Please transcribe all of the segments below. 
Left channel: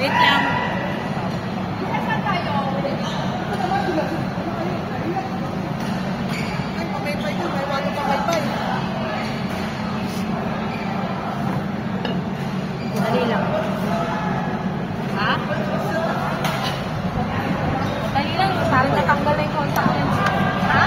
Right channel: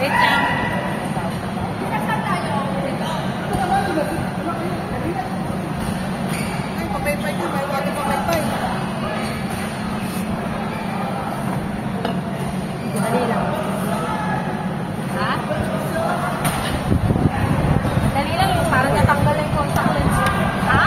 Wait lang. Ay, papaypay din. May walang papaypay. Dali lang. Ha? Dali lang. Parang natanggal na yung contact lens. Ha?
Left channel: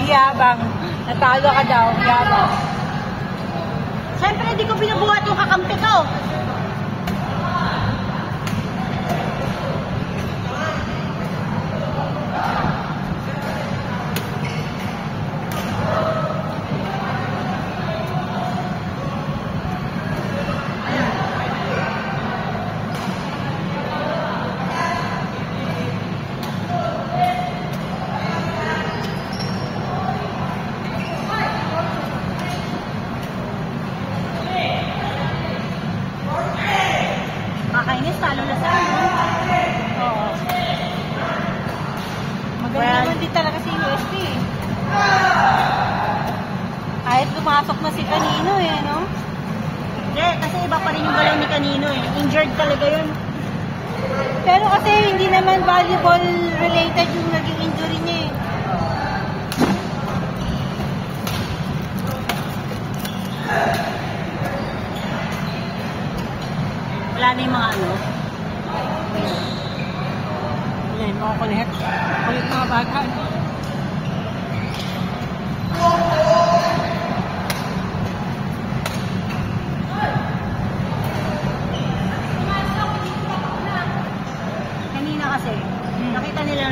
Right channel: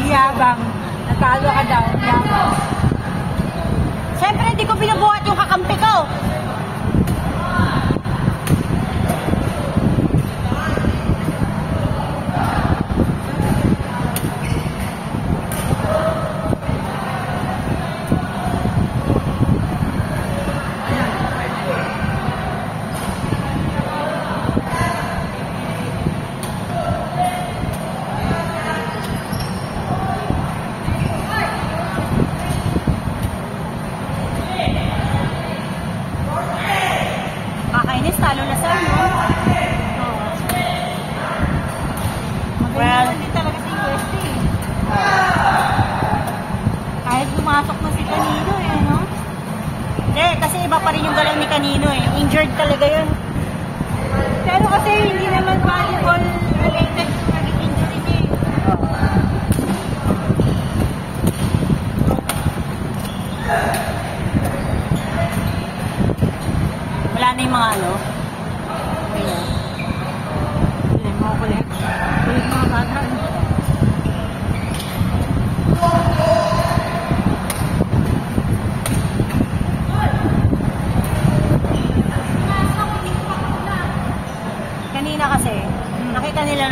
Iyabang. Nagkalo ka daw. Siyempre, hindi ko pinabuhat yung kakampi ko. Pero kasi hindi naman volleyball related yung naging injury niya. Wala na yung mga ano. Ayan, mga kulit. Kulit mga bagan.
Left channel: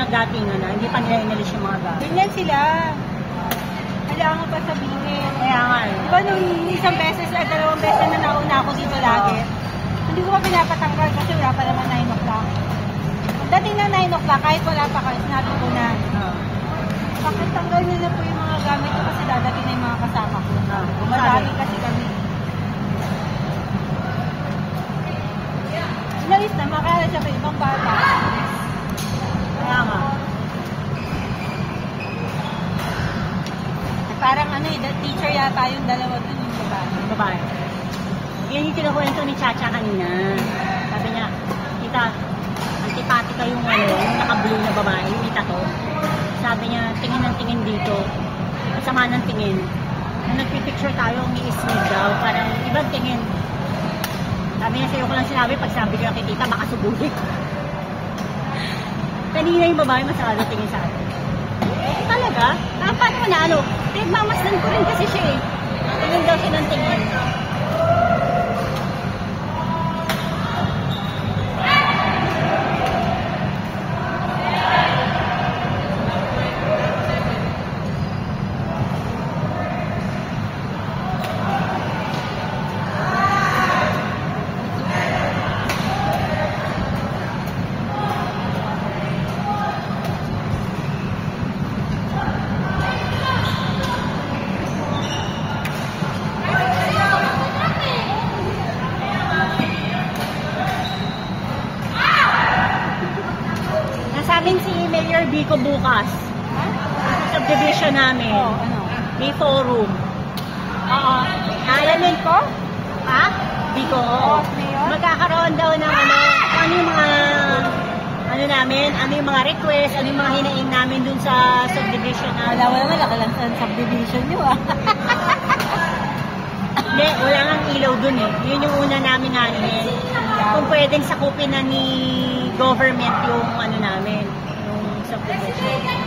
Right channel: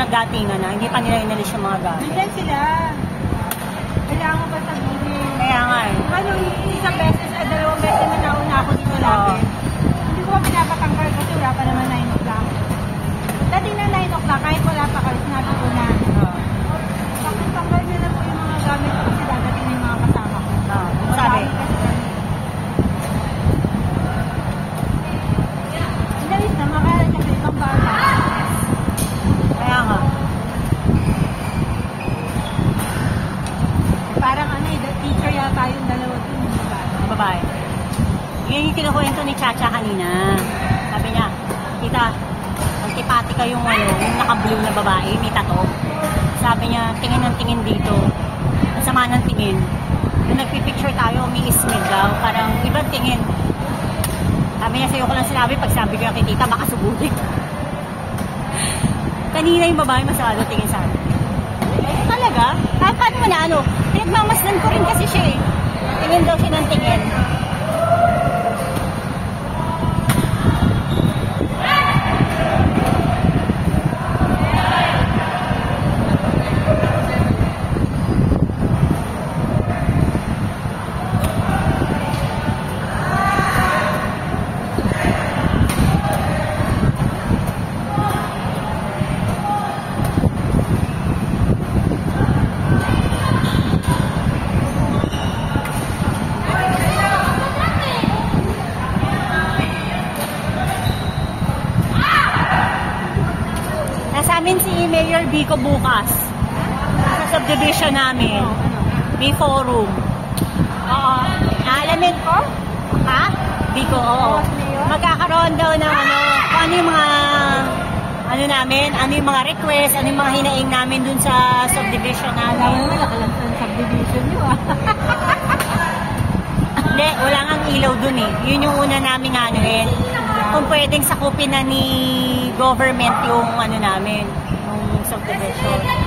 Datingan na, hindi pa nila inalis yung mga bata. Ilan sila? Hindi ako pa sabihin. Kaya nga eh. Pero isang beses na natakot ako dito lagi. Hindi ko lang pinapatanggal dito na pa naman 9 o'clock. Dati na 9 o'clock, kahit wala pa ka, sinabi ko na. Takal niya na po yung mga gamit ko sila, dati na yung mga kasama ko. Marami kasi kami. Guys, naman kaya siya may ibang bago. Yan yung kinukwento ni Chacha kanina. Sabi niya, kita, antipati ka yung naka-blue na babae, may tato. Sabi niya, tingin ng tingin dito. Masama ng tingin. Nung nagpipicture tayo, umiisnig daw. Parang ibang tingin. Sabi niya, sa'yo ko lang sinabi, pag sabi ka, kita, baka subukin. Kanina yung babae, masama ng tingin sa akin. Talaga? Kahit ka na, ano, pinagmamasdan ko rin kasi siya eh. Tingin daw siya ng tingin. Si Mayor Biko bukas sa subdivision namin may forum. Alamin ko? Ha? Biko ko. Magkakaroon doon ng ano yung mga ano namin, ano yung mga request, ano yung mga hinaing namin doon sa subdivision. subdivision. Alam mo naman, nakalansan subdivision yun. Hindi, wala nang ilaw dun eh. Yun yung una namin ano eh. Kung pwedeng sakupin na ni government yung ano namin, yung subdivision.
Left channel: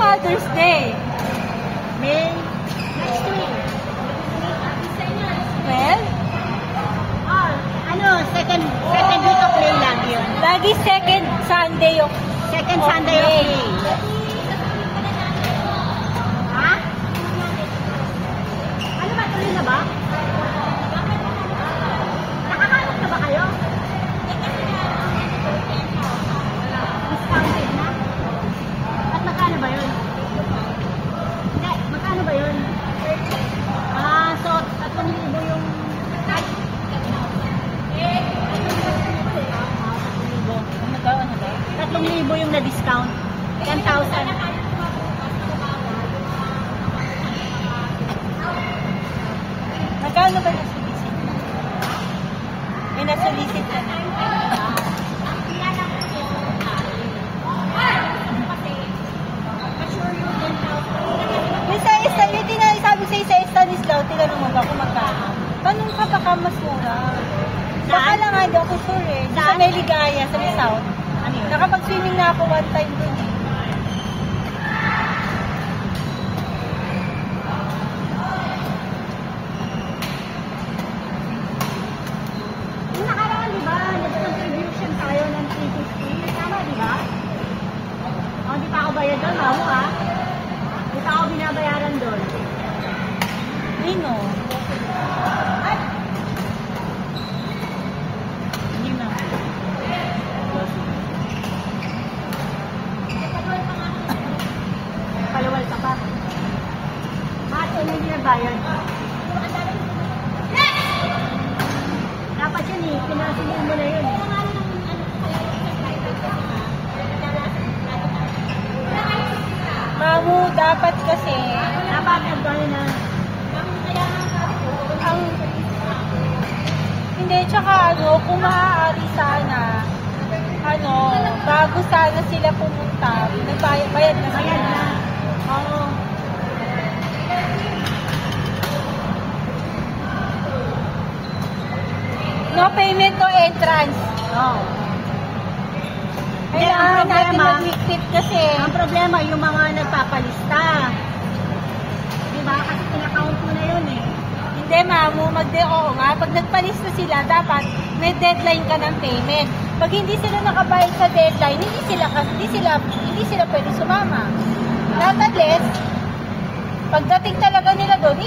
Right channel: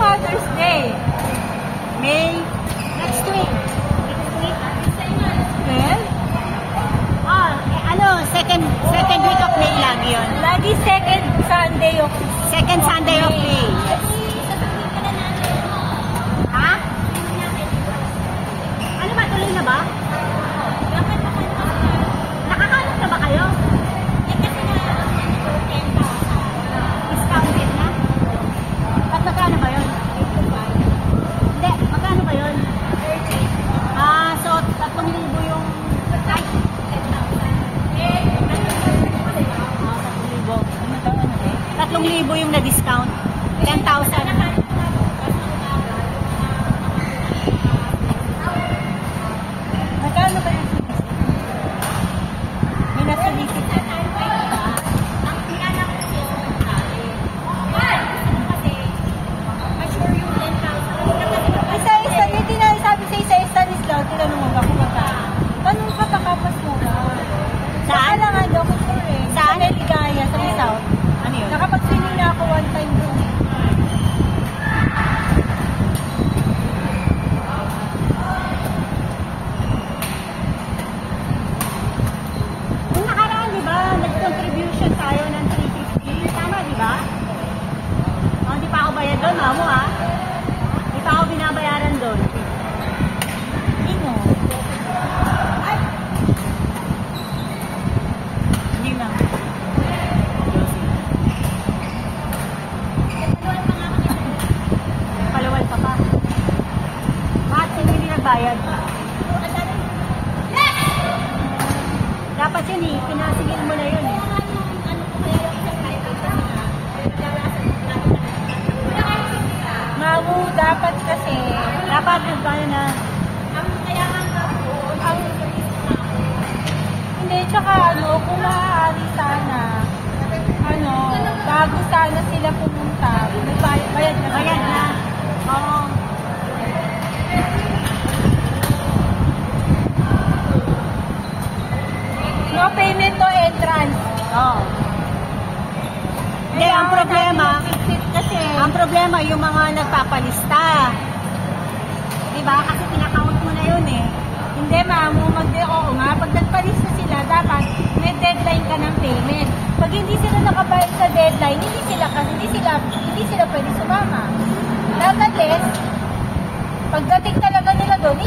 Mother's Day. May next week. When? Ano, second week of May lang yun. Lagi second Sunday of May. Ha? Ano ba? Tuloy na ba? Nakakaano na ba kayo? Discounted na? At magkano ba yun? Hindi, magkano ba yun? So, 3,000 yung pagkat? Ano daw? 3,000 yung na-discount. 10,000 naman. Magkano ba yung may nasulisit ka na? Sabi sa isa discount, tinanong mo kasi magkano. Ganun ka pagkamas mo na. Saan lang nga daw ko sure eh. Sa may Ligaya, sa Rizal. Ano yun? Nakapag-swimming na ako one time doon. Kung nakaraan, diba? Nag-contribution tayo ng 250. Saan ka, diba? Hindi pa ako bayad doon, amo ha? Hindi pa ako binabayaran doon. Dino. Hindi na. Palawal pa ka. At hindi na bayad. Dapat yun eh. Pinasingin mo na yun eh. Bago dapat kasi. Dapat nagkano na. Hindi, tsaka kung maaari sana, bago sana sila pumunta, bayad na. Oo. No payment, no entrance. Oo. Kaya ang kasi, ang problema yung mga nagpapalista. Diba? Kasi pinakawag mo na yun eh. Hindi ma'am, pag nagpalista sila, dapat may deadline ka ng payment. Pag hindi sila nakabayad sa deadline, hindi sila pwede sumama. Nonetheless, pagdating talaga nila doon,